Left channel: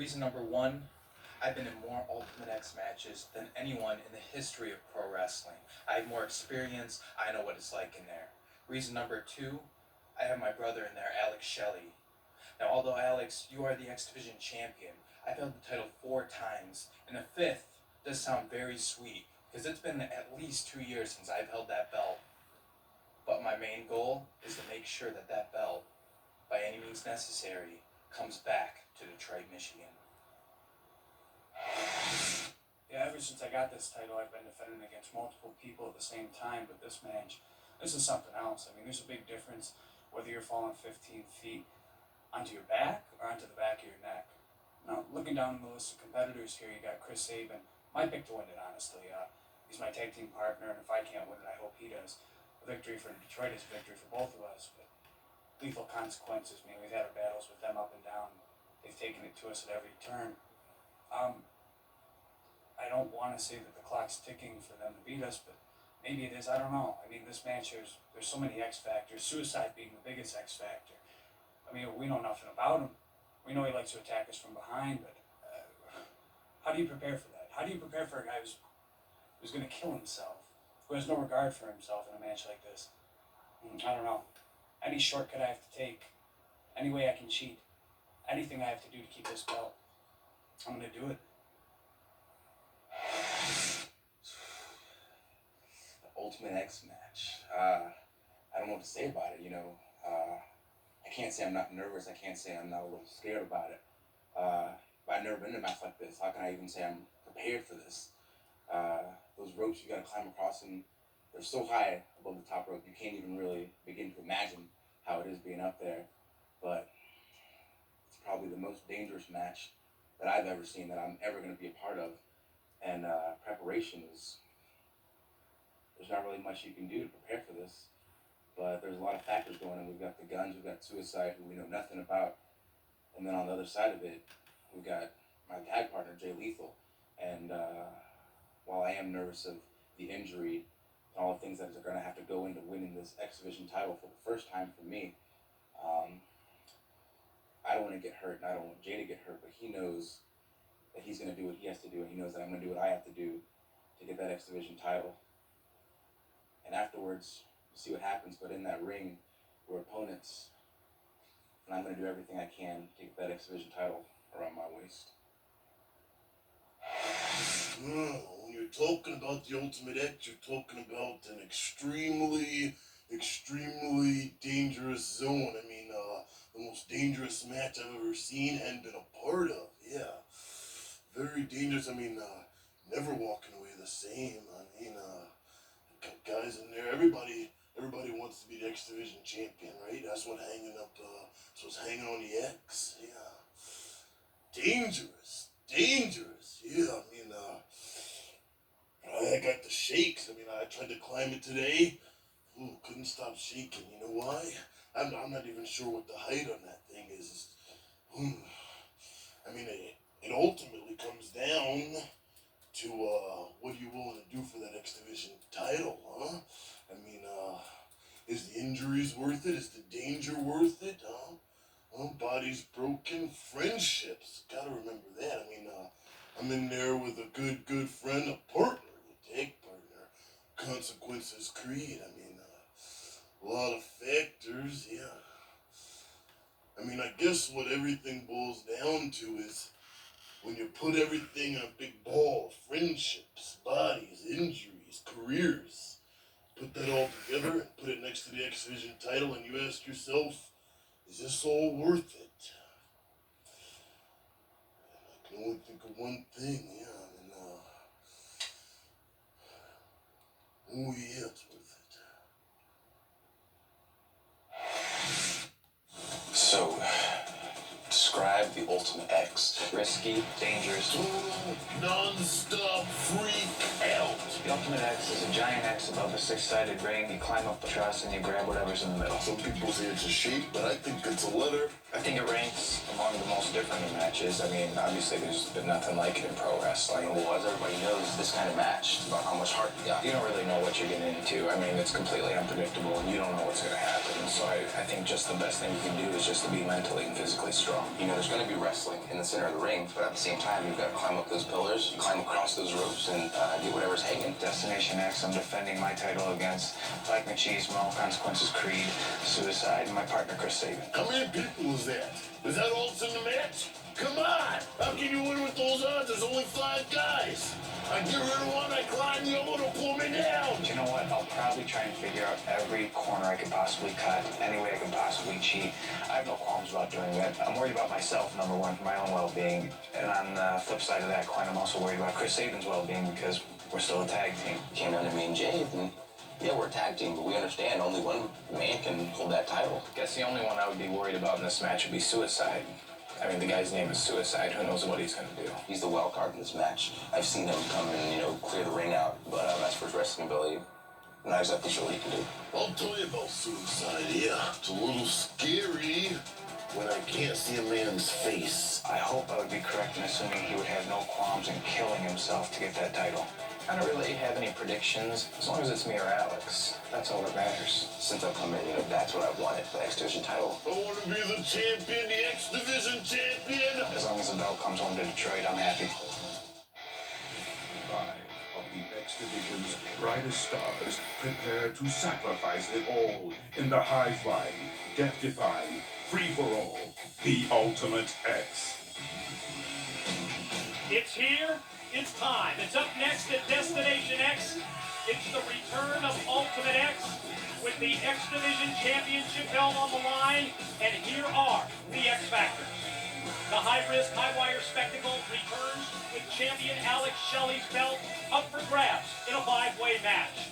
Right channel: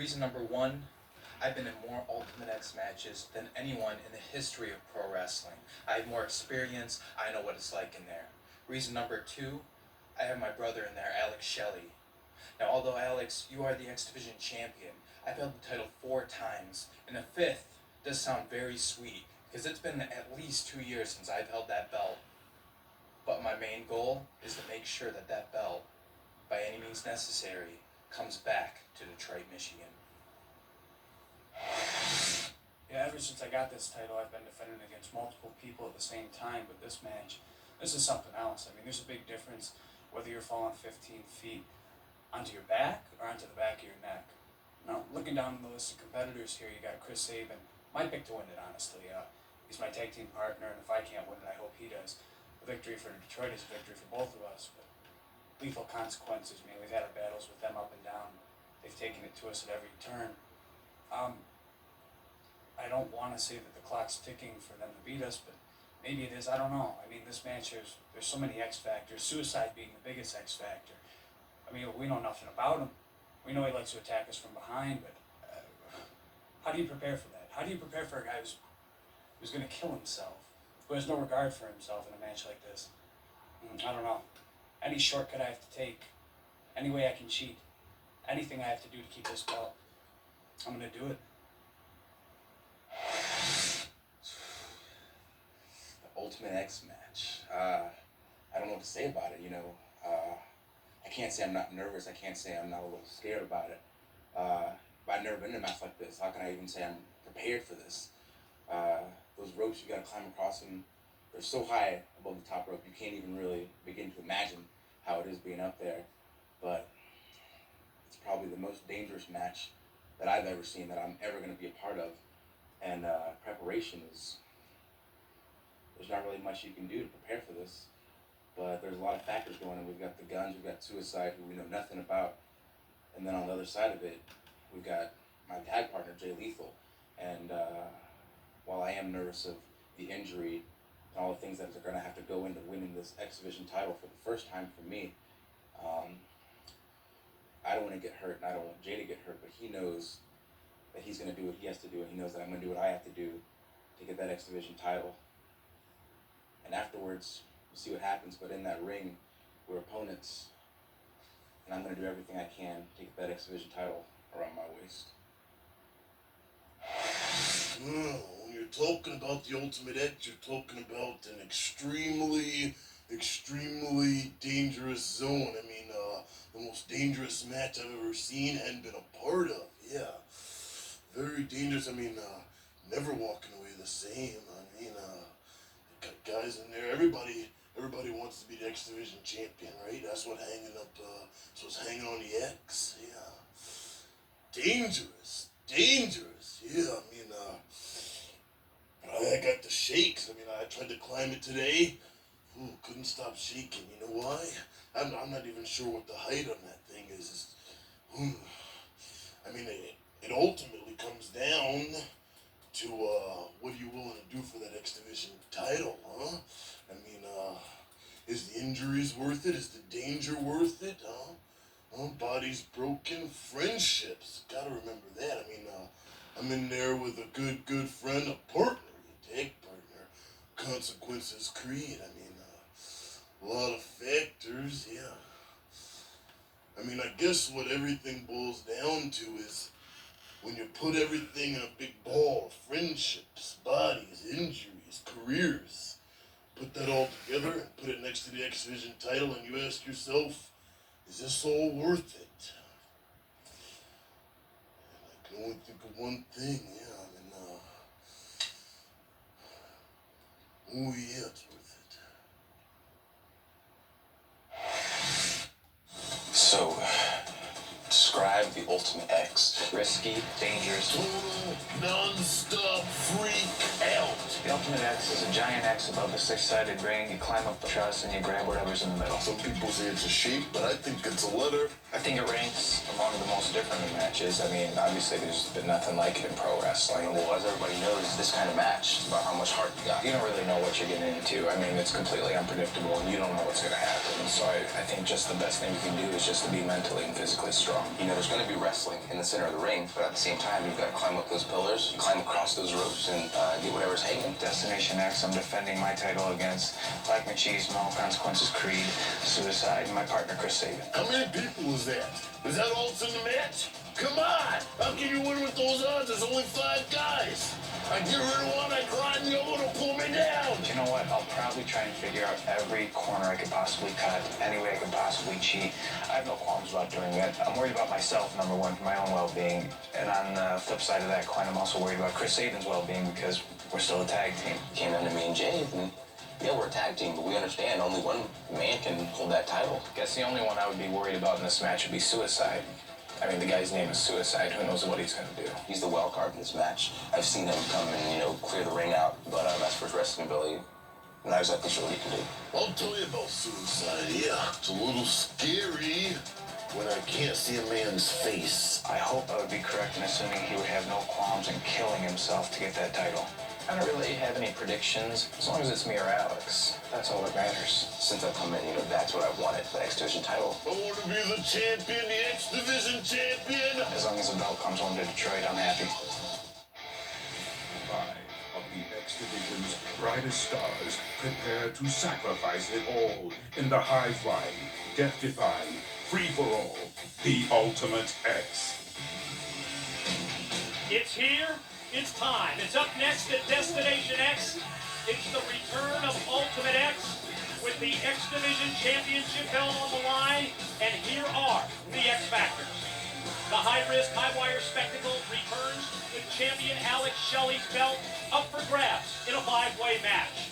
Reason number one, I've been in more Ultimate X matches than anyone in the history of pro wrestling. I have more experience, I know what it's like in there. Reason number two, I have my brother in there, Alex Shelly. Now, although Alex, you are the X Division champion, I've held the title 4 times, and a fifth does sound very sweet, because it's been at least 2 years since I've held that belt. But my main goal is to make sure that that belt, by any means necessary, comes back to Detroit, Michigan. Yeah, ever since I got this title, I've been defending against multiple people at the same time, but this match, this is something else. I mean, there's a big difference whether you're falling 15 feet onto your back or onto the back of your neck. Now, looking down the list of competitors here, you got Chris Sabin. My pick to win it, honestly. He's my tag team partner, and if I can't win it, I hope he does. A victory for Detroit is a victory for both of us, but lethal consequences. I mean, we've had our battles with them up and down. They've taken it to us at every turn. I don't want to say that the clock's ticking for them to beat us, but maybe it is. I don't know. I mean, this match, there's so many X factors, suicide being the biggest X factor. I mean, we know nothing about him. We know he likes to attack us from behind, but how do you prepare for that? How do you prepare for a guy who's going to kill himself, who has no regard for himself in a match like this? I don't know. Any shortcut I have to take, any way I can cheat, anything I have to do to keep this belt, I'm going to do it. The Ultimate X match. I don't know what to say about it, you know. I can't say I'm not nervous. I can't say I'm not a little scared about it. But I've never been in a match like this. How can I even say I'm prepared for this? Those ropes, you gotta climb across them. They're so high above the top rope, you can't even really begin to imagine how it is being up there. But it's probably the most dangerous match that I've ever seen, that I'm ever gonna be a part of. And preparation is, there's not really much you can do to prepare for this. But there's a lot of factors going on. We've got the guns, we've got suicide, who we know nothing about. And then on the other side of it, we've got my tag partner, Jay Lethal. And while I am nervous of the injury and all the things that are going to have to go into winning this X Division title for the first time for me, I don't want to get hurt, and I don't want Jay to get hurt, but he knows that he's going to do what he has to do, and he knows that I'm going to do what I have to do to get that X Division title. And afterwards, we'll see what happens, but in that ring, we're opponents, and I'm going to do everything I can to get that X Division title around my waist. When you're talking about the Ultimate X, you're talking about an extremely dangerous zone. I mean, the most dangerous match I've ever seen and been a part of. Yeah, very dangerous. I mean, never walking away the same. I mean, got guys in there. Everybody wants to be the X Division champion, right? That's what's hanging on the X. Yeah, dangerous. Yeah, I mean, I got the shakes. I mean, I tried to climb it today. Ooh, couldn't stop shaking. You know why? I'm not even sure what the height on that thing is. I mean, it ultimately comes down to what are you willing to do for that X Division title, huh? I mean, is the injuries worth it? Is the danger worth it, huh? Bodies broken, friendships. Gotta remember that. I mean, I'm in there with a good friend, a partner, a tag partner. Consequences create. I mean, a lot of factors, yeah. I mean, I guess what everything boils down to is when you put everything in a big ball, friendships, bodies, injuries, careers, put that all together and put it next to the X Division title, and you ask yourself, is this all worth it? And I can only think of one thing, yeah, I mean, oh yeah, it's worth it. So, describe the Ultimate X. Risky, dangerous. Total, non-stop freak out. The Ultimate X is a giant X above a six-sided ring. You climb up the truss and you grab whatever's in the middle. Some people say it's a shape, but I think it's a letter. I think it ranks among the most different matches. I mean, obviously there's been nothing like it in pro wrestling. Well, as everybody knows, this kind of match is about how much heart you got. You don't really know what you're getting into. I mean, it's completely unpredictable and you don't know what's going to happen. So I think just the best thing you can do is just to be mentally and physically strong. You know, there's going to be wrestling in the center of the ring. ring, but at the same time, you've got to climb up those pillars, climb across those ropes, and get whatever's hanging. Destination X, I'm defending my title against Black Machismo, Consequences Creed, Suicide, and my partner Chris Sabin. How many people is that? Is that all that's in the match? Come on! How can you win with those odds? There's only 5 guys. I get rid of one, I grind the other to pull me down. You know what? I'll probably try and figure out every corner I could possibly cut, any way I could possibly cheat. I have no qualms about doing it. I'm worried about myself, number one, for my own well-being. And on the flip side of that coin, I'm also worried about Chris Sabin's well-being because we're still a tag team. Came down to me and Jay, and yeah, we're a tag team, but we understand only one man can hold that title. Guess the only one I would be worried about in this match would be Suicide. I mean, the guy's name is Suicide. Who knows what he's going to do? He's the wild card in this match. I've seen him come and, clear the ring out, but as for his wrestling ability, I'm not exactly sure what he can do. I'll tell you about Suicide, yeah. It's a little scary when I can't see a man's face. I hope I would be correct in assuming he would have no qualms in killing himself to get that title. I don't really have any predictions, as long as it's me or Alex. That's all that matters. Since I've come in, that's what I wanted, the X Division title. I want to be the champion, the X Division champion. As long as the belt comes home to Detroit, I'm happy. 5 of the X Division's brightest stars prepare to sacrifice it all in the high-flying, death-defying, free-for-all, the Ultimate X. It's here. It's time. It's up next at Destination X. It's the return of Ultimate X with the X Division Championship belt on the line. And here are the X Factors. The high-risk, high-wire spectacle returns with champion Alex Shelly's belt up for grabs in a 5-way match.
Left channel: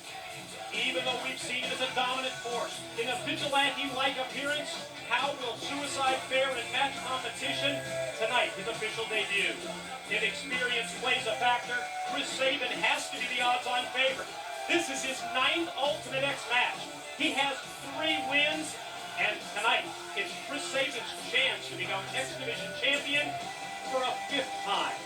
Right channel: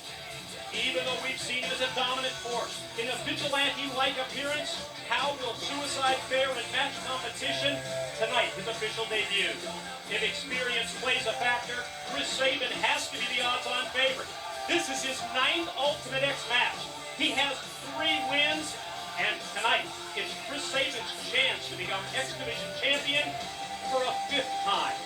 Even though we've seen him as a dominant force in a vigilante-like appearance, how will Suicide fare in match competition tonight, his official debut? If experience plays a factor, Chris Sabin has to be the odds-on favorite. This is his 9th Ultimate X match. He has 3 wins, and tonight it's Chris Sabin's chance to become X Division champion for a 5th time.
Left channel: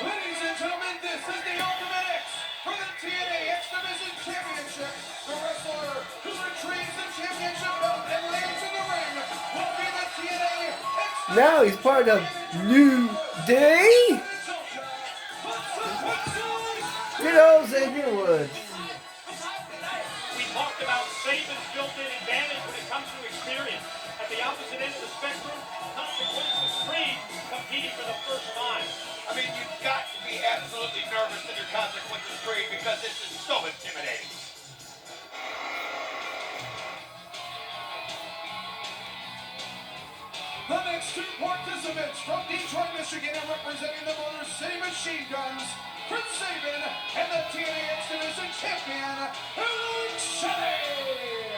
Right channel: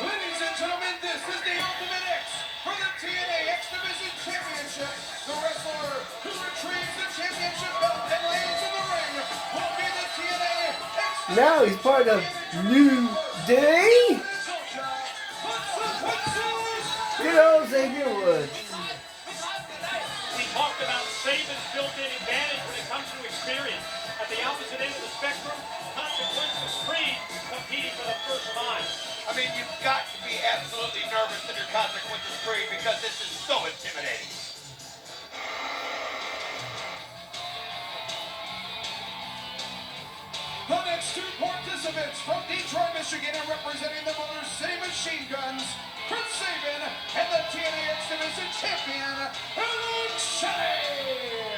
Ladies and gentlemen, this is the Ultimate X for the TNA X Division Championship. The wrestler who retrieves the championship belt and lays in the ring will be the TNA X Division. Now he's part of New Day. You know, Xavier Woods. We talked about Sabin's built-in advantage when it comes to experience. At the opposite end of the spectrum, Consequences Creed competing for the first time. I mean, you've got to be absolutely nervous in your Consequences Creed because this is so intimidating. The next 2 participants from Detroit, Michigan, and representing the Motor City Machine Guns, Chris Sabin, and the TNA X Division champion, Alex Shelly.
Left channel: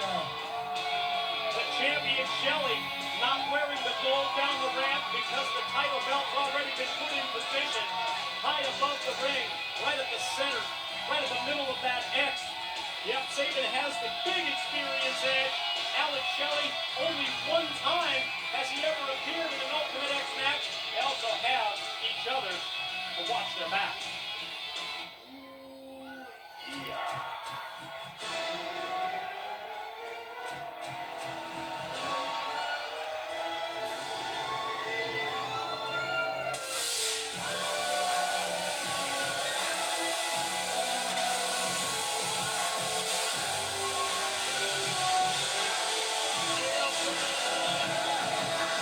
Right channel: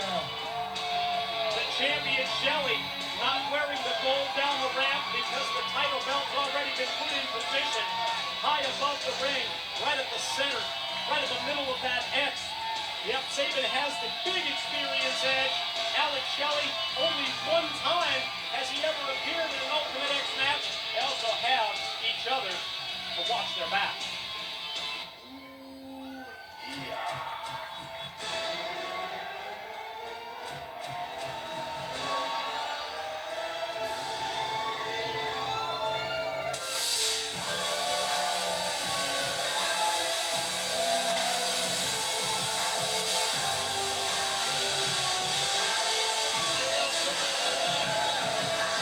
The champion Shelly not wearing the gold down the ramp because the title belt's already been put in position high above the ring, right at the center, right at the middle of that X. Yep, Sabin has the big experience edge. Alex Shelly, only 1 time has he ever appeared in an Ultimate X match. They also have each other to watch their back.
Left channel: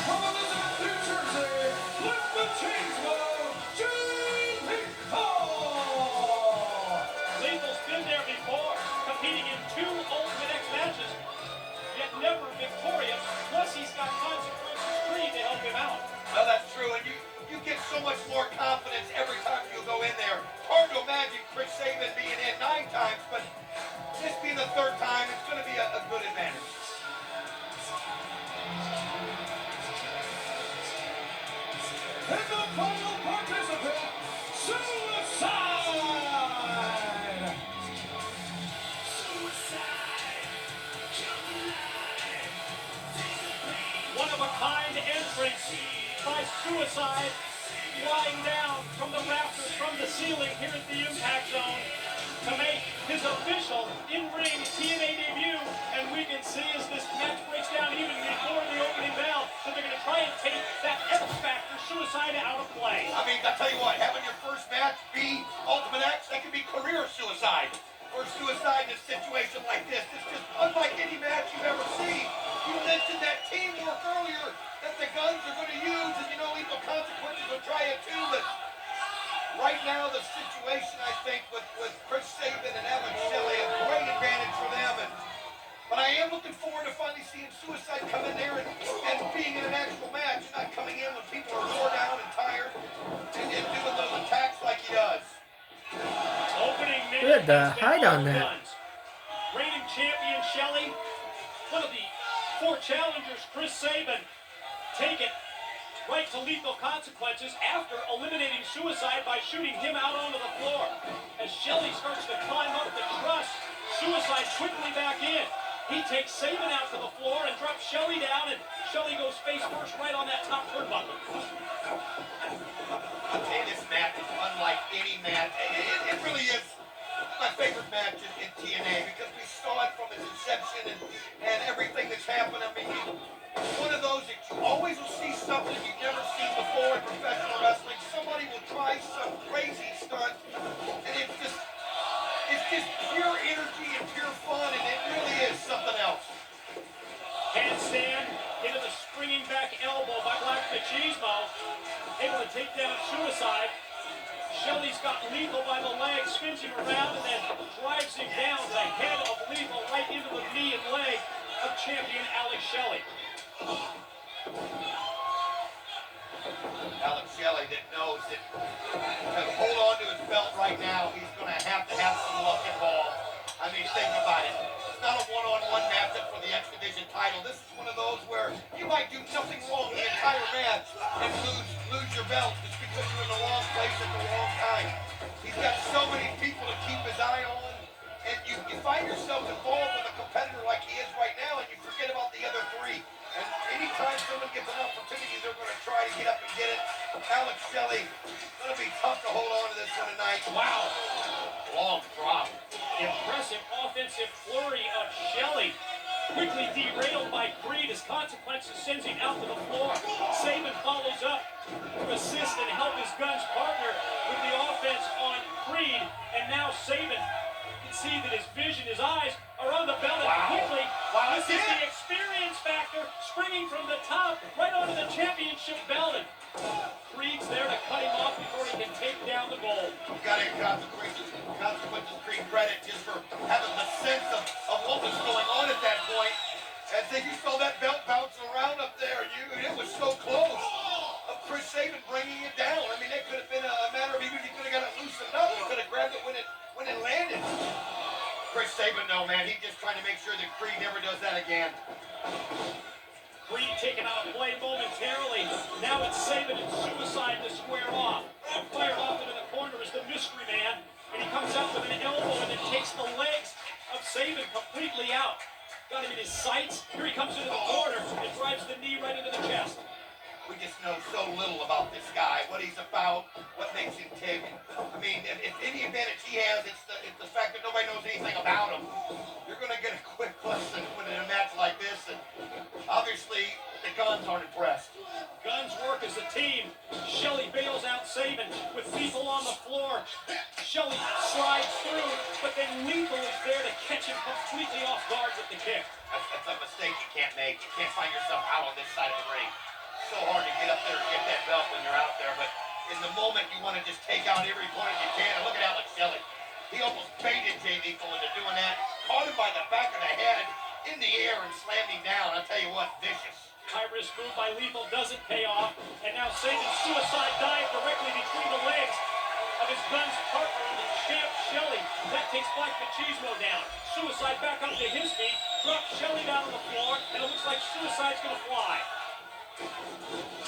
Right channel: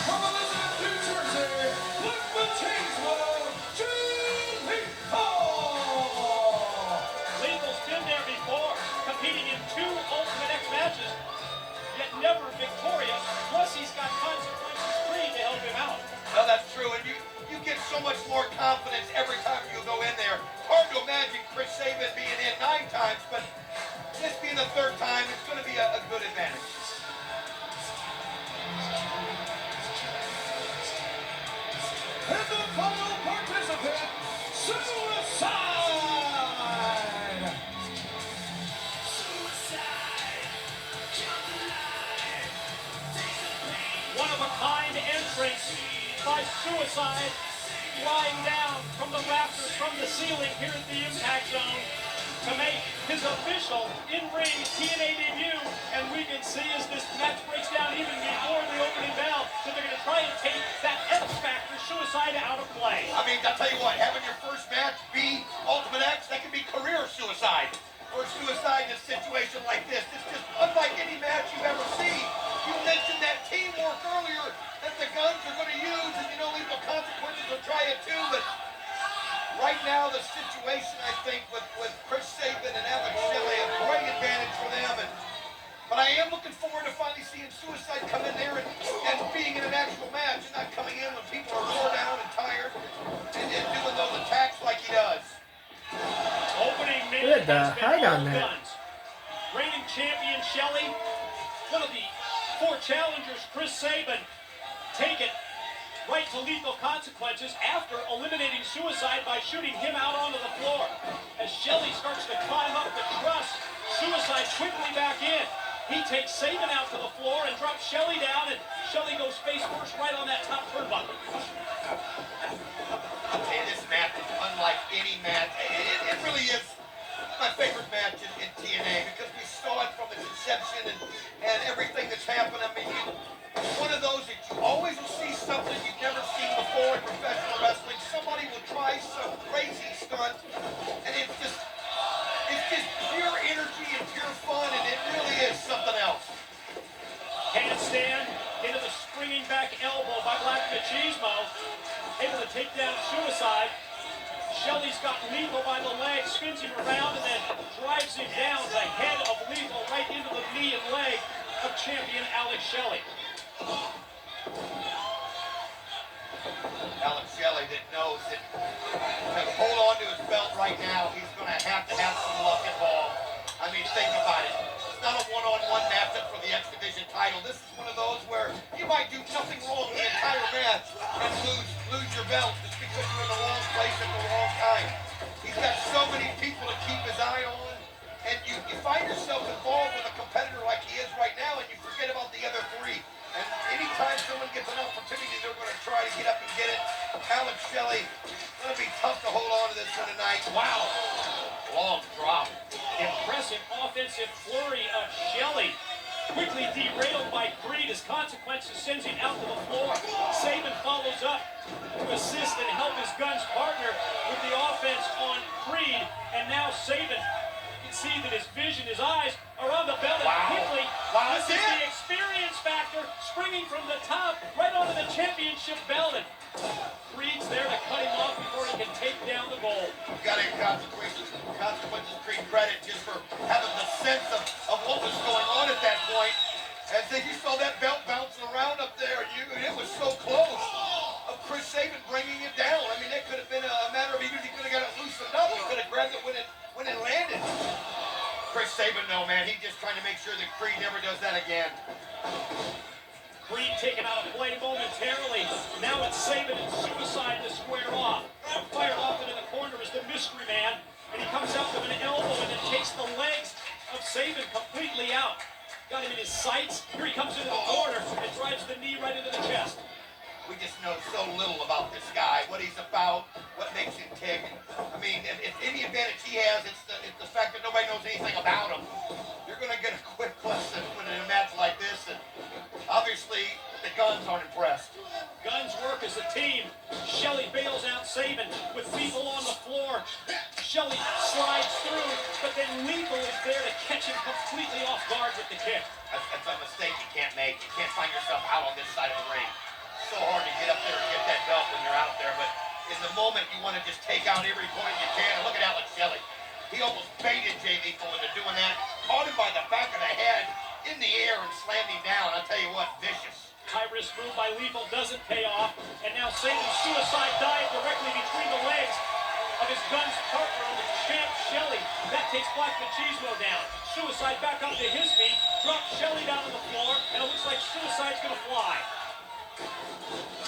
From Elizabeth, New Jersey, with the Chainsaw, Lethal's been there before, competing in 2 Ultimate X matches, yet never victorious. Plus, he's got Consequences Creed to help him out. No, that's true, and you get so much more confidence every time you go in there. Hard to imagine Chris Sabin being in 9 times, but this being the 3rd time, it's going to be a good advantage. And the final participant, Suicide! One-of-a-kind entrance by Suicide, flying down from the rafters, from the ceiling here at the Impact Zone. to make his official in-ring TNA debut. And we can see as this match breaks down even before the opening bell that they're going to try and take that X Factor suicide out of play. I mean, I'll tell you what, having your first match be Ultimate X, that can be career suicide. Or suicide in a situation like this. It's just unlike any match you've ever seen. You mentioned that teamwork earlier that the Guns are going to use, and you know, Lethal Consequences will try it too, but right now the situation, I think, with Chris Sabin and Alex Shelley, a great advantage for them. But I am looking forward to finally seeing Suicide come in there and being in an actual match and not coming in when people are wore down and tired and doing those attacks like he does. Opening Yeah, minute the has been hide all on that. Guns. Reigning champion Shelly, one of the 4 challengers, Chris Sabin, take it right to Lethal Consequences after eliminating Suicide by shooting him out onto the floor. As Shelly starts to climb up the truss, Suicide quickly back in. He takes Sabin out to the floor and drops Shelly down, and Shelly goes face first right on that top turnbuckle. Hey, this match is unlike any match. It really is my favorite match in TNA because we saw it from its inception and everything that's happened. I mean, it's one of those that you always will see something you've never seen before in professional wrestling. Somebody will try some crazy stunt, and it's just pure energy and pure fun, and it really is something else. Handstand into the springing back elbow by Black Machismo. Able to take down Suicide. Shelly's got Lethal by the leg, spins him around, and then drives him down the head of Lethal right into the knee and leg of champion Alex Shelley. Alex Shelley that knows that to hold on to his belt right now, he's going to have some luck involved. I mean, think about it. It's not a one-on-one matchup for the X Division title. This is one of those where you might do nothing wrong the entire match and lose your belt just because you're in the wrong place at the wrong time. He's got so many people to keep his eye on, and you find yourself involved with a competitor like he is right now, and you forget about the other 3. And anytime someone gets an opportunity, they're going to try to get up and get it. Alex Shelley, going to be tough to hold on to this one tonight. Wow. Long drop. Impressive offensive flurry of Shelly. Quickly derailed by Creed as Consequences sends him out to the floor. Sabin follows up to assist and help his Guns partner with the offense on Creed. And now Sabin, you can see that his vision, his eyes are on the belt. Wow. Quickly, Wow, this is that's the it. experience factor, springing from the top right onto the championship belt. And Creed's there to cut him off before he can take down the gold. Got to consequences Creed credit just for having the sense of what was going on at that point. And then you saw that belt bouncing around up there. It was so close of Chris Sabin bringing it down. I mean, it could have been a matter of even if he could have got it loosened up, he could have grabbed it when it landed. Chris Sabin, though, man, he's just trying to make sure that Creed never does that again. Creed taken out of play momentarily. Now it's Sabin and Suicide to square off. Fired off into the corner is the Mystery Man. And he comes up with an elbow and then takes the legs of Sabin completely out. Got him in his sights. Here he comes into the corner and drives the knee right into the chest. We just know so little about this guy, what he's about, what makes him tick. I mean, if any advantage he has, it's the fact that nobody knows anything about him. You're going to get a quick lesson when in a match like this, and obviously the Guns aren't impressed. Guns work as a team. Shelly bails out Sabin with Lethal on the floor. Shelly slides through, but then Lethal is there to catch him completely off guard with the kick. That's a mistake you can't make. You can't find yourself out on this side of the ring. So hard to get up there and get that belt when you're out there, but in the moment you want to just take out every point you can. And look at Alex Shelley. He almost baited Jay Lethal into doing that. Caught him by the back of the head in the air and slammed him down. I'll tell you what, vicious. High-risk move by Lethal doesn't pay off, and now Sabin's Suicide dive directly between the legs of his Guns partner and the champ Shelly. That takes Black Machismo down. Suicide back up to his feet, drops Shelly down on the floor, and it looks like Suicide's gonna fly.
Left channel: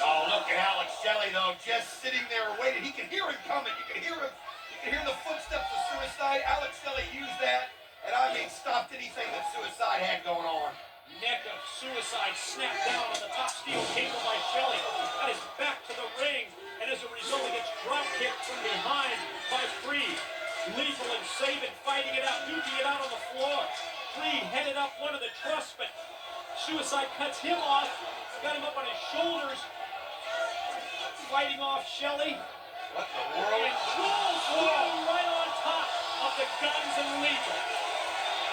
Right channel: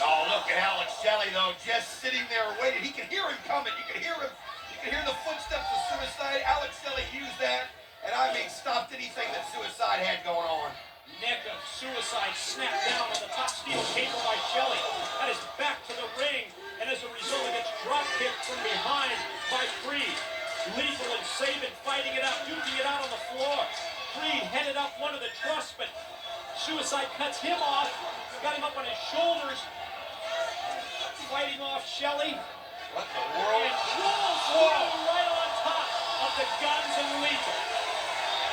Oh, look at Alex Shelley, though, just sitting there waiting. He can hear him coming. You can hear him. You can hear the footsteps of Suicide. Alex Shelley used that, and I mean stopped anything that Suicide had going on. Neck of Suicide snapped down on the top steel cable by Shelly. That is back to the ring, and as a result, it gets drop kicked from behind by Creed. Lethal and Sabin fighting it out, duking it out on the floor. Creed headed up one of the truss, but Suicide cuts him off, got him up on his shoulders, fighting off Shelly. What in the world? And rolls through right on top of the Guns and Lethal.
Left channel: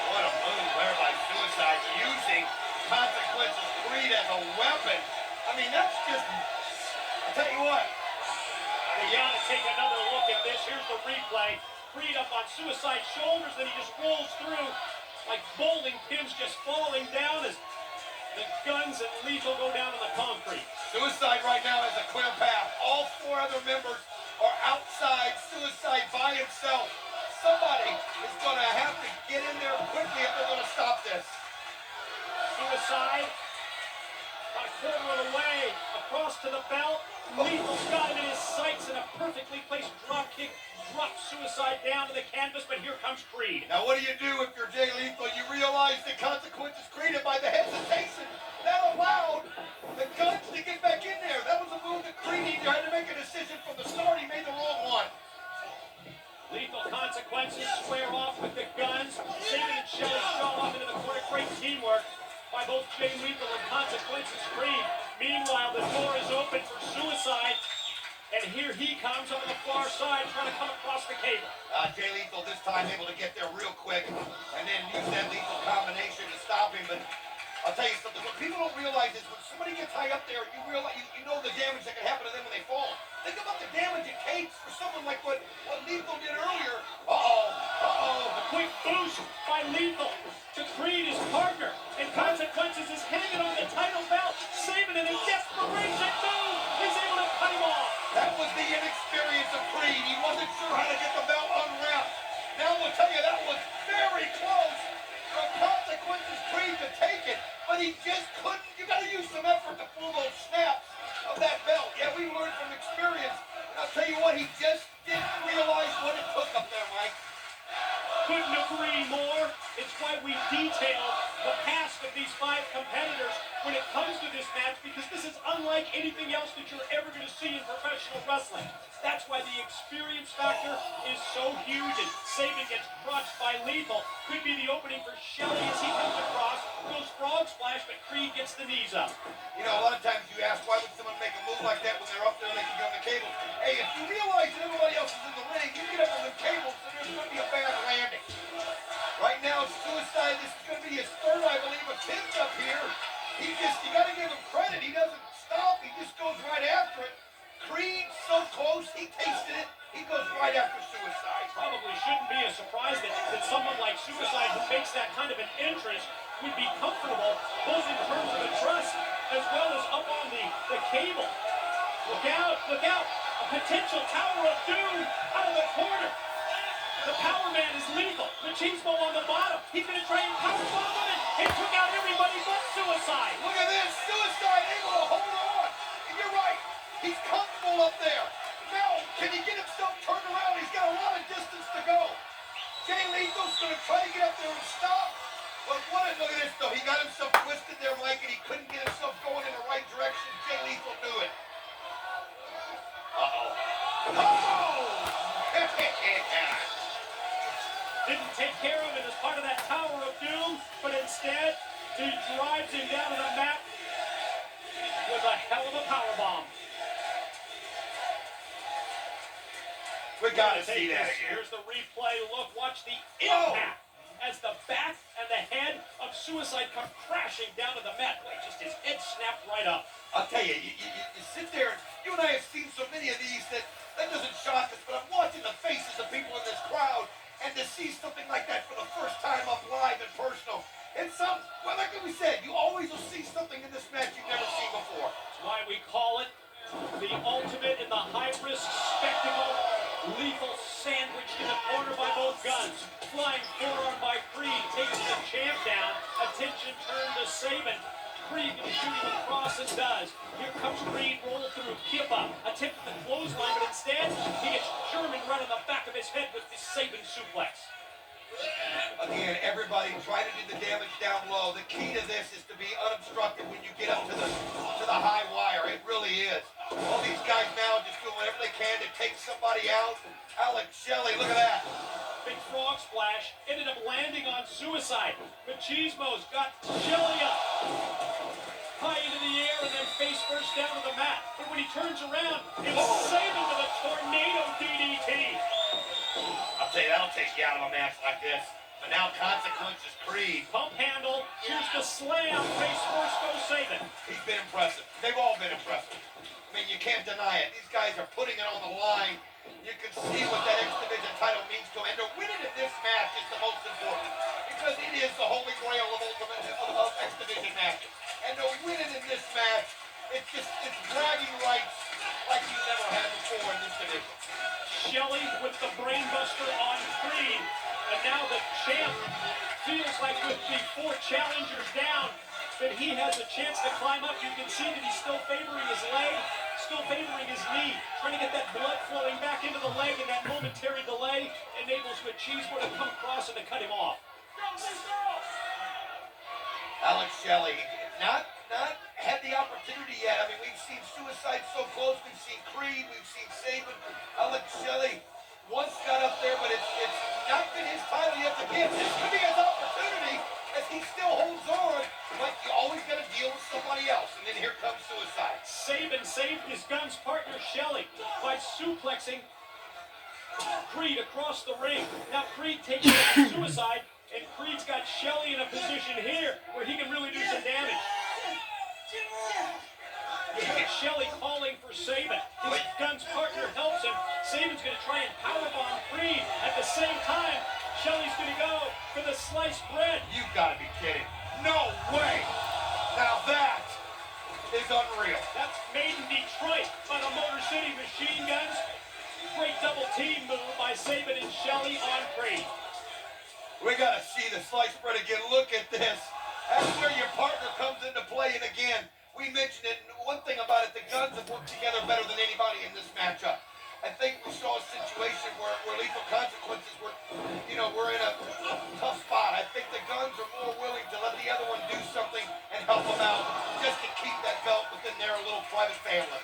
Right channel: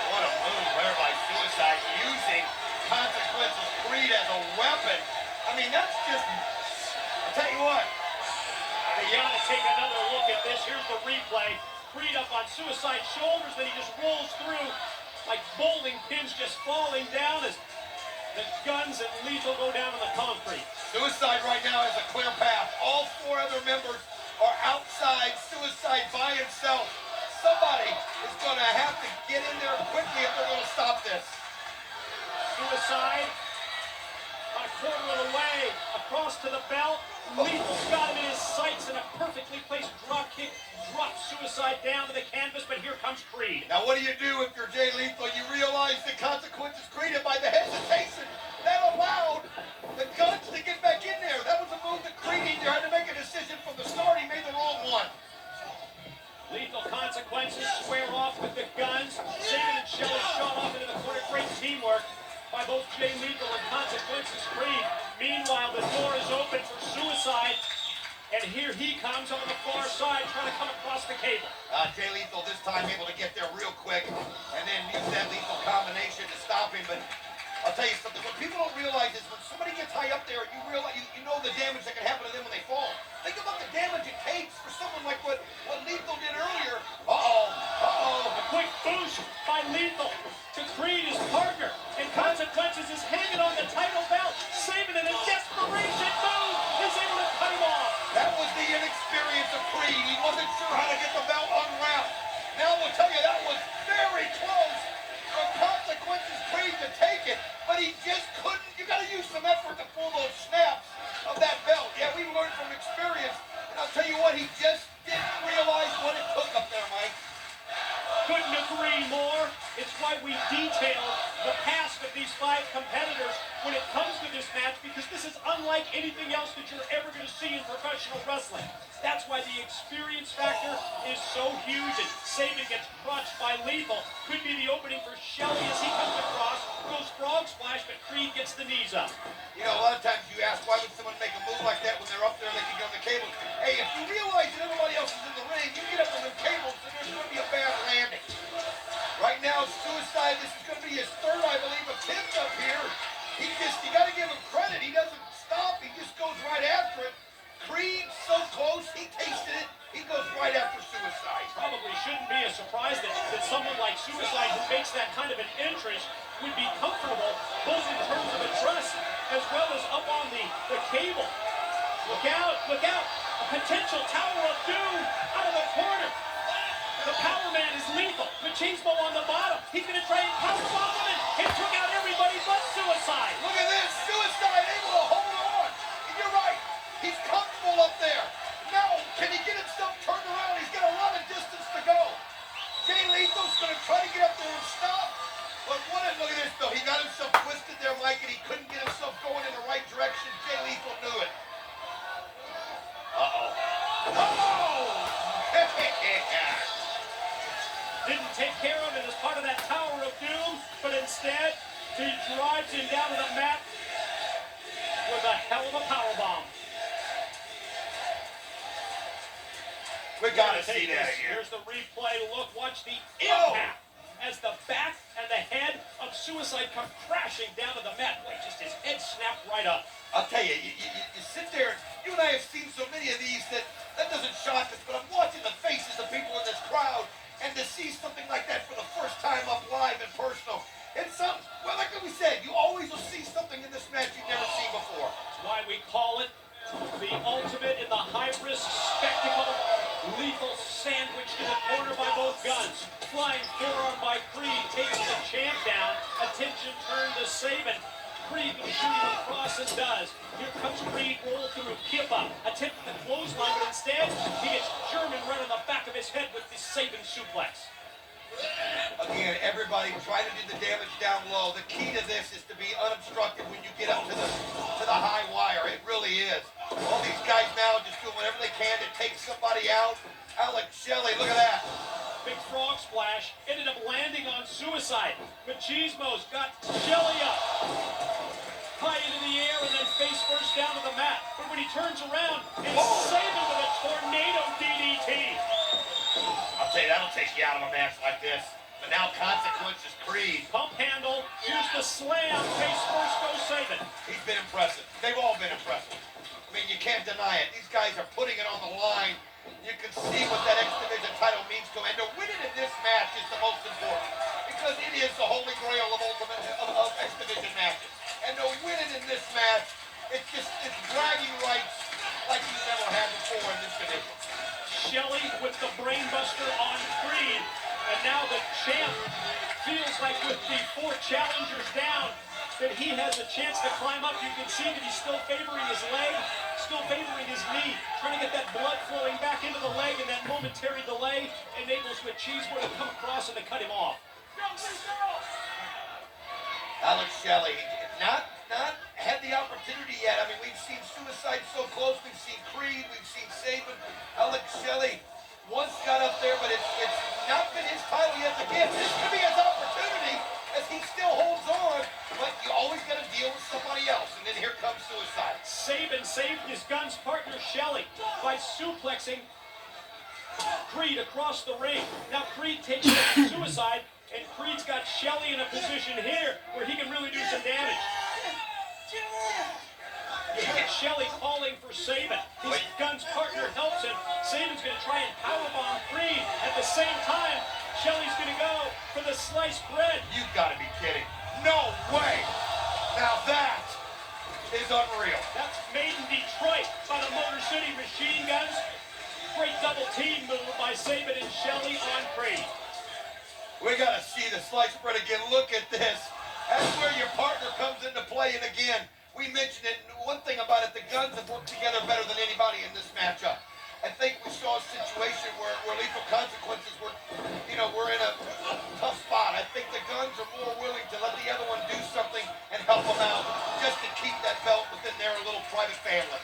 What a move there by Suicide, using Consequences Creed as a weapon. I mean, that's just, I'll tell you what. You gotta take another look at this. Here's the replay. Creed up on Suicide's shoulders, then he just rolls through like bowling pins just falling down as the Guns and Lethal go down on the concrete. Suicide right now has a clear path. All four other members are outside. Suicide by himself. Somebody is going to have to get in there quickly if they're going to stop this. Suicide on a quarter of the way across to the belt. Lethal's got him in his sights, and a perfectly placed drop kick drops Suicide down to the canvas, but here comes Creed. Now what do if you're Jay Lethal? You realize the consequences created by the hesitation that allowed the Guns to get back in there. That was a move that Creed either had to make a decision from the start. He made the wrong one. Lethal Consequences square off with the Guns. Sabin and Shelly shot off into the corner. Great teamwork by both Jay Lethal and Consequences Creed. Meanwhile, the door is open for Suicide. And here he comes on the far side, trying to come across the cable. Jay Lethal this time able to get there real quick and then use that lethal combination to stop him. But I'll tell you something, what people don't realize is when somebody gets high up there, you realize you know the damage that can happen to them when they fall. Think about the damage it takes for someone like what Lethal did earlier. A quick boost by Lethal to Creed, his partner. And Consequences is hanging on the title belt. Sabin in a desperation move is able to cut him off. That was the inexperience of Creed. He wasn't sure how to get the belt unwrapped. Now we'll tell you that was very close for Consequences Creed to take it, but he just couldn't. You got to use some effort to pull those snaps of that belt. Yeah, we learned from experience. And I'll tell you what, he just didn't realize what it took up there, Mike. Couldn't agree more. It's why we detailed the past of these 5 competitors when it comes to this match, because this is unlike anything else that you're ever going to see in professional wrestling. That's why the experience factor is so huge, and Sabin gets crushed by Lethal. Could be the opening for Shelly as he comes across, goes frog splash, but Creed gets the knees up. You know, a lot of times you ask, why would someone make a move like that when they're up there and they can get on the cables? Hey, if you realize that everybody else is in the ring, you get up on the cables and there's going to be a bad landing. Right now, Suicide, this is going to be his third, I believe, attempt up here. You got to give him credit. He doesn't stop. He just goes right after it. Creed, so close, he tasted it. He goes right after Suicide. Probably shouldn't be a surprise that someone like Suicide, who makes that kind of an entrance, would be comfortable, both in terms of the truss as well as up on the cable. Look out, look out. A potential Tower of Doom out of the corner. The Power Man is Lethal. Machismo on the bottom. He's going to try and powerbomb him, and he took out everybody but Suicide. Look at this. Suicide able to hold on. And you're right. He's comfortable up there. Now, can he get himself turned around? He's got a lot of distance to go. Jay Lethal's going to try to get up there and stop. But look at this, though. He got himself twisted there, Mike, and he couldn't get himself going in the right direction. Jay Lethal knew it. Didn't take care of it as part of that Tower of Doom, but instead, he drives him down to the mat with a hell of a powerbomb. We gotta see that again. Here's the replay. Look, watch the impact as the back and the head of Suicide come crashing down to the mat. Boy, just his head snapped right up. I'll tell you, you sit there, you and I have seen so many of these that doesn't shock us, but I'm watching the faces of people in this crowd, and to see something like that for the first time up live and personal, it's something, well, like we said, you always will see something in this match you've never seen before. That's why we call it the ultimate in the high-risk spectacle. Lethal sandwiched in the corner by both Guns. Flying forearm by Creed takes the champ down. Attention turned to Sabin. Creed can shoot him across and does. Here comes Creed, roll through, kip up, attempt the clothesline, but instead he gets German right on the back of his head with the Sabin suplex. Again, everybody try to do the damage down low. The key to this is to be unobstructed when you get up to the high wire. It really is. All these guys now just doing whatever they can to take somebody out. Alex Shelly, look at that. landing on Suicide. Machismo's got Shelly up. High into the air and then face first down to the mat. But when he turns around, it's Sabin with a tornado DDT. I'll tell you, that'll take you out of a match like this. But now consequences, Creed. Pump handle, here's the slam. Face first goes Sabin. He's been impressive. They've all been impressive. I mean, you can't deny it. These guys are putting it on the line. You can see what that X Division title means to him. And to win it in this match is the most important. Because it is the holy grail of X Division matches. And to win it in this match, it's bragging rights like he's never had before in this division. Shelly with the brainbuster on Creed. And now the champ feels like with the 4 challengers down, that he has a chance to climb up. You can see that he's still favoring his leg, still favoring his knee, trying to get that blood flowing back into the leg, and that momentary delay enables Machismo to come across and to cut him off. Alex Shelly, not had the opportunity yet. I mean, we've seen Suicide so close. We've seen Creed. We've seen Sabin. Alex Shelly once got up there, but it's not been his title yet to give. This could be his opportunity as he still holds on, but you always got to deal with somebody else. And then here comes Suicide. Sabin saved his gun's partner Shelly by suplexing Creed across the ring. Now Creed takes down Suicide, and Creed's got Shelly in a position here where he can really do some damage. You heard Shelly calling for Sabin. His gun's partner helps him. Sabin's going to try and powerbomb Creed. At the same time, Shelly's going to go for the sliced bread. You've got to be kidding. No way. Now that is unreal. That's made in Detroit by the Motor City Machine Guns. Great double team move by Sabin and Shelly on Creed. We got to see the sliced bread again. Look at this. That's where your partner comes into play. And again, we mentioned it. One thing about it, the guns have worked together better than anybody in this matchup. I think we saw a situation where Lethal Consequences were in a tough spot. I think the guns are more willing to let the other one do something and help them out just to keep that belt within their little private family.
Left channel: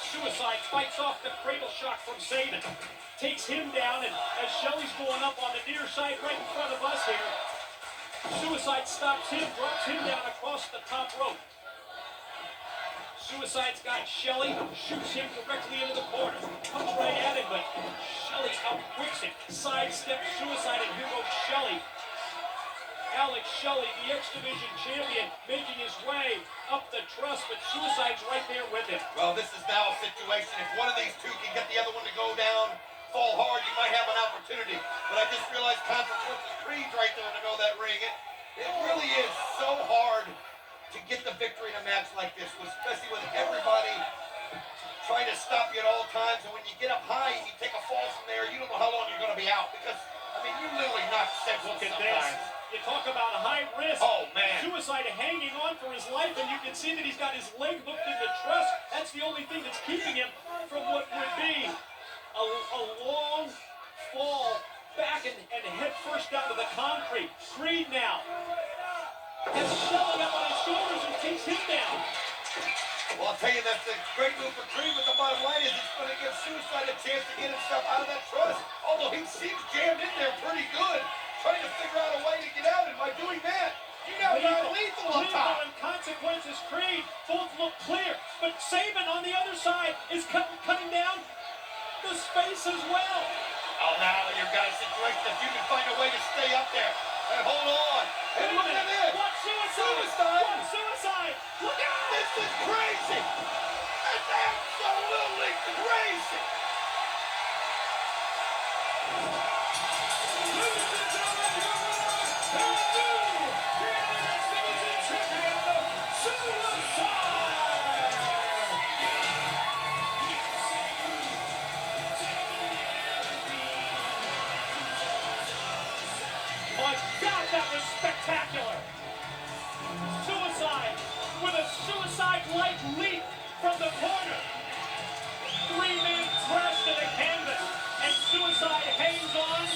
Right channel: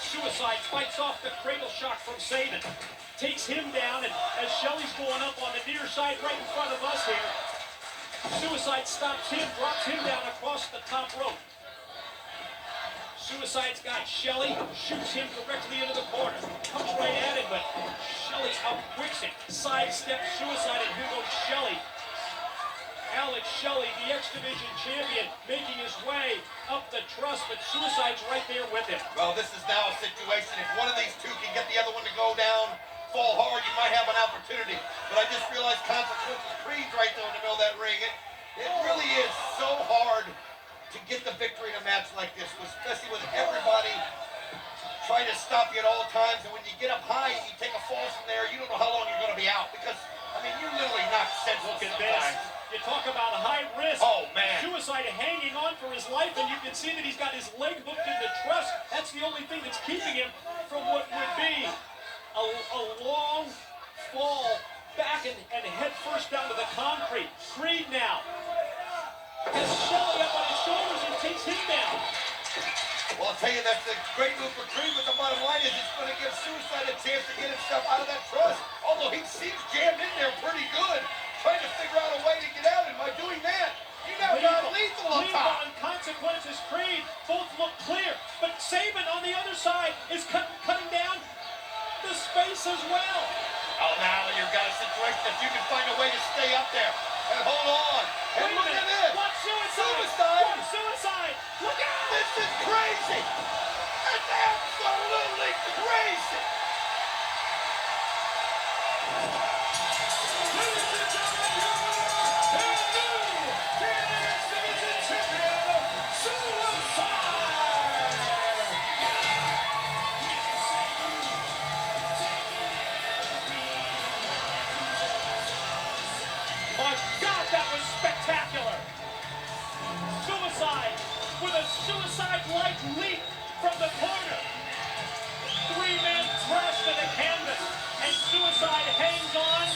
Suicide fights off the cradle shock from Sabin. Takes him down, and as Shelly's going up on the near side right in front of us here, Suicide stops him, drops him down across the top rope. Suicide's got Shelly, shoots him directly into the corner. Comes right at him, but Shelly outquicks him. Sidesteps Suicide, and here goes Shelly. Alex Shelly, the X Division champion, making his way up the truss, but Suicide's right there with him. Well, this is now a situation. If one of these two can get the other one to go down, fall hard, you might have an opportunity. But I just realized Consequences Creed's right there in the middle of that ring. It really is so hard to get the victory in a match like this, especially with everybody trying to stop you at all times. And when you get up high and you take a fall from there, you don't know how long you're going to be out. Because, I mean, you're literally not sensible sometimes. You talk about high risk. Oh, man. Suicide hanging on for his life, and you can see that he's got his leg hooked in the truss. That's the only thing that's keeping him from what would be a long fall back and head first down to the concrete. Creed now has Shelly up on his shoulders and takes him down. Well, I'll tell you, that's a great move for Creed, but the bottom line is it's going to give Suicide a chance to get himself out of that truss. Although he seems jammed in there pretty good, trying to figure out a way to get out, and by doing that, you now got Lethal on top. And Consequences Creed both look clear, but Sabin on the other side is cutting down the space as well. Oh, now you've got a situation if you can find a way to stay up there and hold on. And look at this. Watch Suicide. Suicide. Watch Suicide. Look out. This is crazy. It's absolutely crazy. My God, that was spectacular. Suicide with a suicide-like leap from the corner. 3-man crash to the canvas, and Suicide hangs on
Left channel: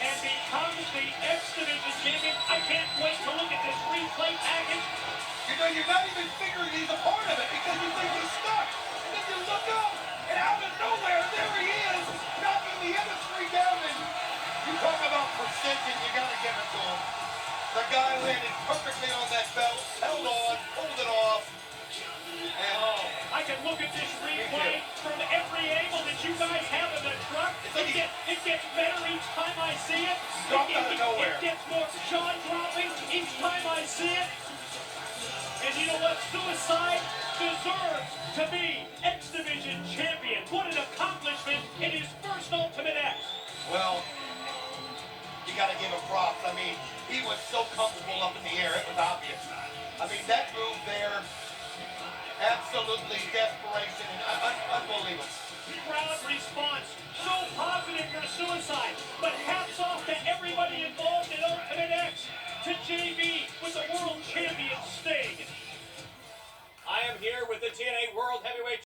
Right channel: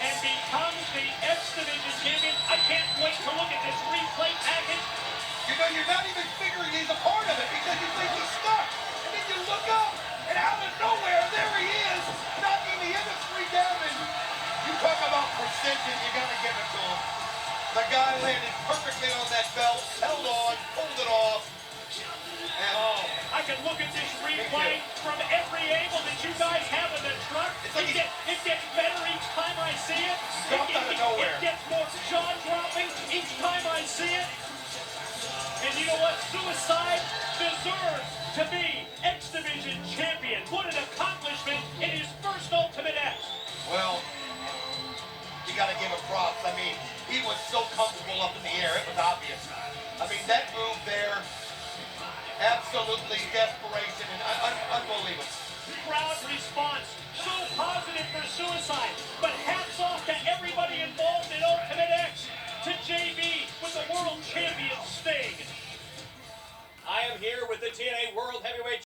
and becomes the X Division champion. I can't wait to look at this replay package. You know, you're not even figuring he's a part of it because you think he's stuck. And then you look up, and out of nowhere, there he is, knocking the other three down. And you talk about extension, you gotta give it to him. The guy landed perfectly on that belt, held on, pulled it off. And Oh, I can look at this replay from every angle that you guys have in the truck. It gets better each time I see it. Dropped out of nowhere. It gets more jaw-dropping each time I see it. And you know what? Suicide deserves to be X Division champion. What an accomplishment in his first Ultimate X. well, you gotta give him props. I mean, he was so comfortable up in the air, it was obvious. I mean, that move there, absolutely desperation and unbelievable. Crowd response so positive for Suicide, but hats off to everybody involved in Ultimate X, to JB with the World Champion Sting. I am here with the TNA World Heavyweight